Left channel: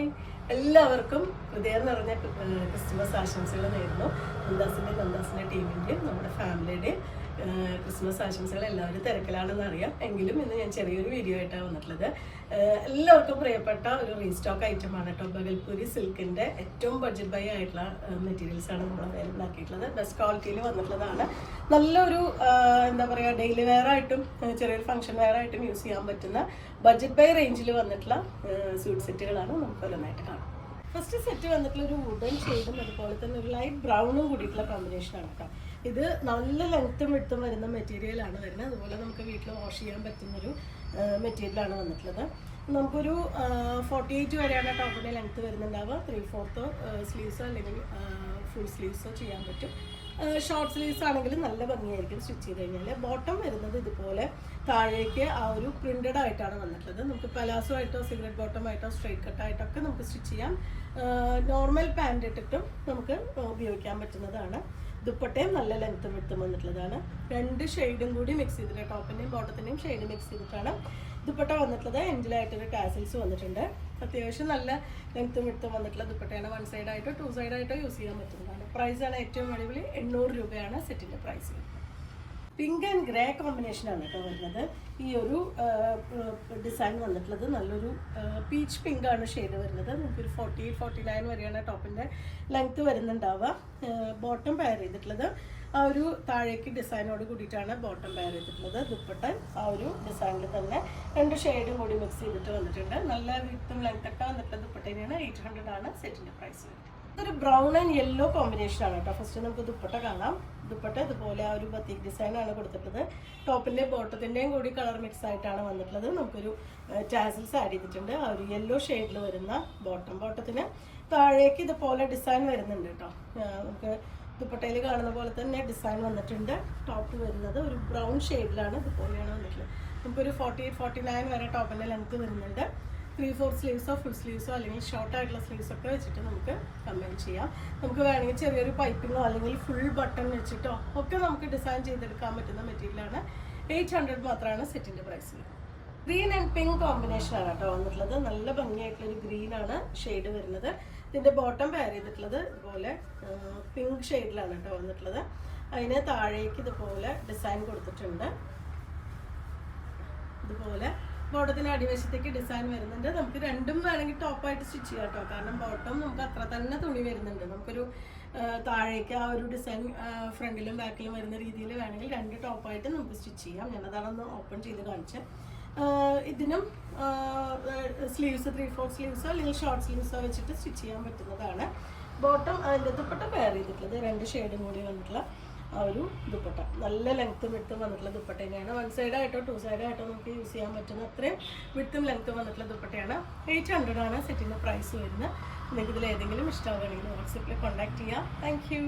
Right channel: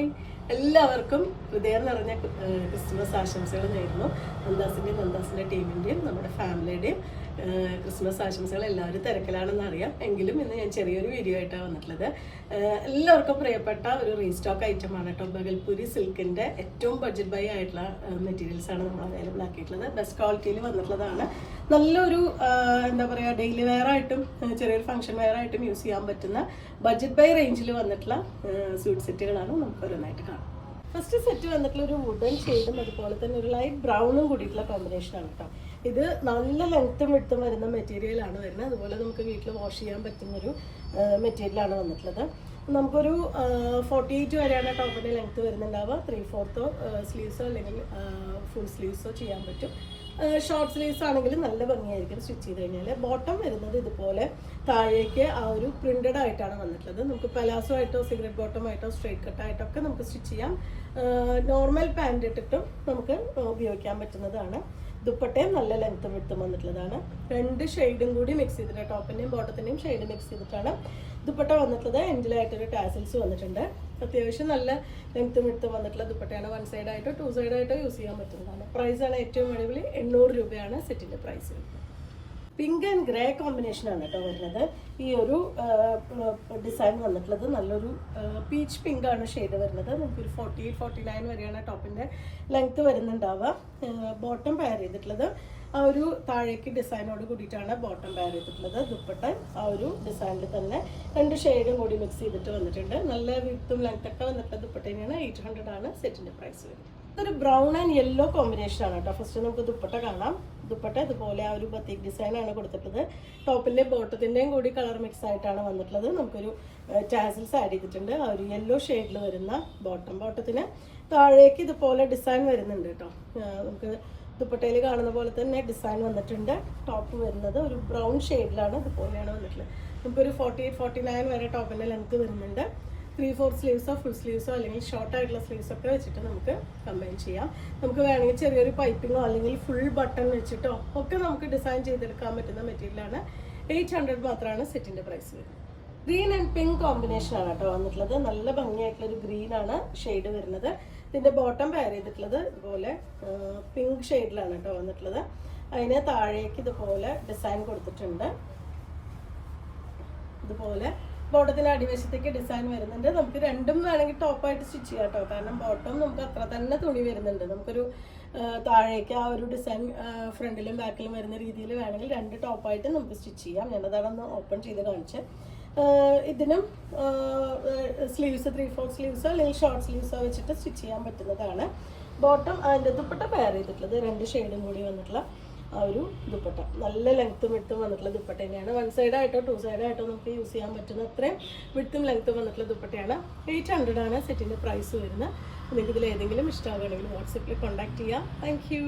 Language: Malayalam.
ഹായ്, എല്ലാവർക്കും ഹൃദയം നിറഞ്ഞ ക്രിസ്മസ് ആശംസകൾ നേരുന്നു. നന്ദാസിൻ്റെ ടീമിൻ്റെയും നമ്മുടെ ഫാമിലിയുടെയും ക്രിസ്മസ് ആശംസകൾ. എല്ലാവരും തിരക്കിലാണെന്ന് അറിയാം, എങ്കിലും ഇന്ന് ഞാൻ ചെറിയൊരു വീഡിയോ ആയിട്ടാണ് വന്നിട്ടുള്ളത്. എല്ലാവർക്കും പ്രിയപ്പെട്ട ഒരു റീസ്റ്റോക്ക് ഐറ്റമാണ് കേട്ടോ. ബഗൽപൂരി സിൽക്കിൻ്റെ ഏറ്റവും ബഡ്ജറ്റ് ബൈ ആയിട്ടുള്ള മെറ്റീരിയൽസാണ് നമ്മൾ അവൈലബിൾ ആക്കിയിട്ടുള്ളത്. ബെസ്റ്റ് ക്വാളിറ്റിയിൽ വന്നിട്ടുള്ളതാണ്. നല്ലൊരു എന്താ പറയുക, ഡെയിലി വെയർ ആയിട്ടും ചെറിയൊരു ഫംഗ്ഷൻ വെയർ ആയിട്ടും യൂസ് ചെയ്യാൻ പറ്റുന്ന ബഡ്ജറ്റ് ബൈ റേഞ്ചിൽ വന്നിട്ടുള്ള സ്യൂട്ട് സെറ്റുകളാണ് നമുക്ക് ഓരോന്നായിട്ട് കാണാം. ഫസ്റ്റ് സെറ്റ് വന്നിട്ടുള്ള ഒരു വുഡൻ ഷെയ്ഡും അതുപോലെ തന്നെ ഒരു ലൈറ്റ് ബ്രൗണും കൂടിയിട്ടുള്ള കോമ്പിനേഷനാണ് കേട്ടോ. ഇത് നല്ല ലെങ്ത്തും വിടുത്തും വരുന്ന മെറ്റീരിയലാണ് വരുന്നത്. അതുപോലെ നമുക്ക് വീട്ടിൽ വാഷ് ചെയ്യാൻ പറ്റുന്നൊരു മെറ്റീരിയലാണ് വന്നിട്ടുള്ളത്. നമുക്കൊരു 48 വരെയാണ് ടോപ്പിൻ്റെ ലെങ്ത്ത് വരുന്നുണ്ടാവുക. 3/4 സ്ലീവ്സോ അല്ലെങ്കിൽ ഫുൾ സ്ലീവ്സോ ചെയ്യാൻ പറ്റും. ഷോർട്ട് സ്ലീവ്സ് ആണെങ്കിൽ നല്ല ഭംഗിയായിരിക്കും സ്റ്റിച്ച് ചെയ്ത് കഴിഞ്ഞാൽ. ബോട്ടം വരുന്നത് ഇതുപോലെ താഴേക്ക് ആ ഒരു പ്രിന്റഡ് ആയിട്ടാണ് വന്നിട്ടുള്ളത്. നമുക്ക് പലാസോ ആയിട്ടോ സിഗരറ്റ് ബോട്ടം ആയിട്ടോ സ്ട്രെയിറ്റ് കട്ടായിട്ടോ ഒക്കെ നമുക്ക് സ്റ്റിച്ച് ചെയ്യാം. നോർമൽ പാൻറ് ഇട്ടിട്ടും നമുക്ക് ഉപയോഗിക്കാൻ പറ്റുന്നതാണ്. ദുപ്പട്ടയും നല്ല ലെങ്ത്തും വിട്ടും വന്നിട്ടുള്ളതാണ്. 2 ഷെയ്ഡും കൂടി മിക്സ് ചെയ്തിട്ട് ടോപ്പിൻ്റെയും ബോട്ടത്തിൻ്റെയും ഷെയ്ഡ് മിക്സ് ചെയ്തിട്ടാണ് ദുപ്പട്ട വന്നിട്ടുള്ളത്. എൻഡിലായിട്ടൊരു ടാസൽസ് വന്നിട്ടുണ്ട്. അത്യാവശ്യം നല്ല ലെങ്ത്തും വിട്ടും വന്നിട്ടുള്ള ദുപ്പട്ടയാണ്. 1 സൈഡായിട്ടോ 2 സൈഡായിട്ടോ യൂസ് ചെയ്യാൻ പറ്റുന്നതാണ്. പ്രൈസാണ് ഏറ്റവും അടിപൊളി. 800 രൂപയാണ് സെറ്റിൻ്റെ പ്രൈസ്. പിങ്ക് ആൻഡ് ഗ്രേ കോമ്പിനേഷനാണ് കേട്ടോ വരുന്നത്. ഈ ഒരു ഡിസൈൻ വന്നിട്ടുള്ളത് നല്ലൊരു പീച്ച് പിങ്ക് ആണ് ഷെയ്ഡ് വരുന്നത്. നമുക്കൊരു 48-49 വരെയാണ് ടോപ്പിൻ്റെ ലെങ്ത്ത് വരുന്നുണ്ടാവുക. ബോട്ടം പെയർ ചെയ്തിട്ടുള്ളത് ആ ഒരു താഴേക്ക് ഡിസൈനോട് കൂടിയിട്ടാണ് ബോട്ടം പെയർ ചെയ്തിട്ടുള്ളത്. ദുപ്പട്ട ആ ഒരു ഡിസൈനിൽ തന്നെ 2 ഷെയ്ഡും കൂടി മിക്സ് ചെയ്തിട്ട് വന്നിട്ടുണ്ട്. നല്ല വിത്തും ലെങ്ത്തൊക്കെ വന്നിട്ടുള്ള ദുപ്പട്ടയാണ്. 800 ആണ് സെറ്റിൻ്റെ പ്രൈസ് വരുന്നത്. ഒരു ബ്രൗൺ ആൻഡ് യെല്ലോ കോമ്പിനേഷൻ ആണ് കേട്ടോ. ഫസ്റ്റ് നമുക്ക് ദുപ്പട്ട കാണാം. ദുപ്പട്ട ഇതുപോലെ ആ ഒരു ബത്തീക് ഡിസൈൻ ആണ് കൊടുത്തിട്ടുള്ളത്. ടോപ്പിന്റെ ബോട്ടത്തിന്റെയും കൂടി കളർ മിക്സ് ആയിട്ടാണ് വന്നിട്ടുള്ളത്. നമുക്കൊരു ടാസൽസ് ആഡ് ചെയ്തിട്ടുണ്ട്. ആ ഒരു യെല്ലോ ഷെയ്ഡിൽ വരുന്ന ബോട്ടത്തിന് താഴേക്ക് ഇതുപോലെ ഡിസൈൻ വരുന്നുണ്ട് കേട്ടോ. നമുക്ക് ദുപ്പട്ടയിൽ കാണുന്ന പോലെ തന്നെ ഡിസൈൻ വന്നിട്ടുണ്ട്. ടോപ്പ് വരുന്നത് ഒരു ബ്രൗൺ ഷെയ്ഡിലാണ്. ഇതുപോലെയാണ് വന്നിട്ടുള്ളത്. നമുക്കൊരു 48-49 വരെ ടോപ്പിന്റെ ലെങ്ത് വരുന്നുണ്ട്. 3/4 സ്ലീവ്സോ ഫുൾ സ്ലീവ്സോ അല്ലെങ്കിൽ ഷോർട്ട് ആയിട്ടുള്ള സ്ലീവ്സ് ഒക്കെ വെച്ചിട്ട് നമുക്ക് കമ്പൈൻ ചെയ്യാം. നമുക്ക് വേണമെങ്കിൽ ചെറിയൊരു പൈപ്പിങ്ങോ അല്ലെങ്കിൽ ഫുൾ ബട്ടൺ വെച്ചിട്ടോ ഒക്കെ നമുക്ക് ഡിസൈൻ ചെയ്തെടുക്കാൻ പറ്റുന്ന മെറ്റീരിയലാണ്. 800 മാത്രമാണ് സെറ്റിന്റെ പ്രൈസ് വരുന്നത്. ഗ്രീൻ ആൻഡ് പിങ്ക് കോമ്പിനേഷൻ ആണ് കേട്ടോ വന്നിട്ടുള്ളത്. നല്ല ഭംഗിയായിട്ടുള്ളൊരു ഗ്രീൻ ആണ് ഷെയ്ഡ് വരുന്നത്. ഇതിന്റെ ബോട്ടം പെയർ ചെയ്തിട്ടുള്ളത് ഇതുപോലെ പിങ്ക് ഷെയ്ഡിലാണ് കേട്ടോ വന്നിട്ടുള്ളത്. അതിന് താഴേക്ക് ഇതുപോലെ ഡിസൈൻ കൊടുത്തിട്ടുണ്ട്. ഇതുപോലെ ബോട്ടത്തിന് അടിവശത്തേക്ക് ഡിസൈൻ വരുന്നുണ്ട്. നമുക്ക് രണ്ടും വേണമെങ്കിൽ ടോപ്പായിട്ട് സ്റ്റിച്ച് ചെയ്യാം കേട്ടോ. കാരണം ബോട്ടം നമുക്ക് അത്ര തന്നെ തുണി വരുന്നുണ്ട്. നമുക്കൊരു താഴേക്ക് ആ ഒരു ഡിസൈൻ ഫ്രണ്ടിലും ബാക്കിലും വരുന്ന രീതിയിൽ വേണമെങ്കിൽ 2 ടോപ്പായിട്ട് നമുക്ക് സ്റ്റിച്ച് ചെയ്യാം. ഞാനതാണൊന്ന് ഓപ്പൺ ചെയ്ത് കാണിച്ചത്. ഇതിനും സ്ലീവ്സ് 3/4 സ്ലീവ്സോ അല്ലെങ്കിൽ ഷോർട്ട് സ്ലീവ്സോ വെച്ചിട്ട് സ്റ്റിച്ച് ചെയ്യാൻ പറ്റുന്നതാണ്. ബോട്ടം അതിൻ്റെ ദുപ്പട്ട പെയർ ചെയ്തിട്ടുള്ളത് 2 ഷെയ്ഡും കൂടി വന്നിട്ടുള്ള ആ ഒരു ദുപ്പട്ട. നല്ല ലെങ്ത്തും വിട്ടും വന്നിട്ടുള്ള ദുപ്പട്ട തന്നെയാണ്. 1 സൈഡായിട്ടോ 2 സൈഡായിട്ടോ നമുക്ക് യൂസ് ചെയ്യാൻ പറ്റുന്ന അത്രയും വിട്ടും ലെങ്ത്തും വന്നിട്ടുള്ള ദുപ്പട്ടയാണ്. 800 ആണ് സെറ്റിൻ്റെ പ്രൈസ് വരുന്നത്. നിങ്ങൾക്ക് ഇതിൽ ഏതെങ്കിലും ഇഷ്ടമാവുകയാണെങ്കിൽ വാട്സപ്പിൽ കോൺടാക്ട് ചെയ്യാം. Thank you.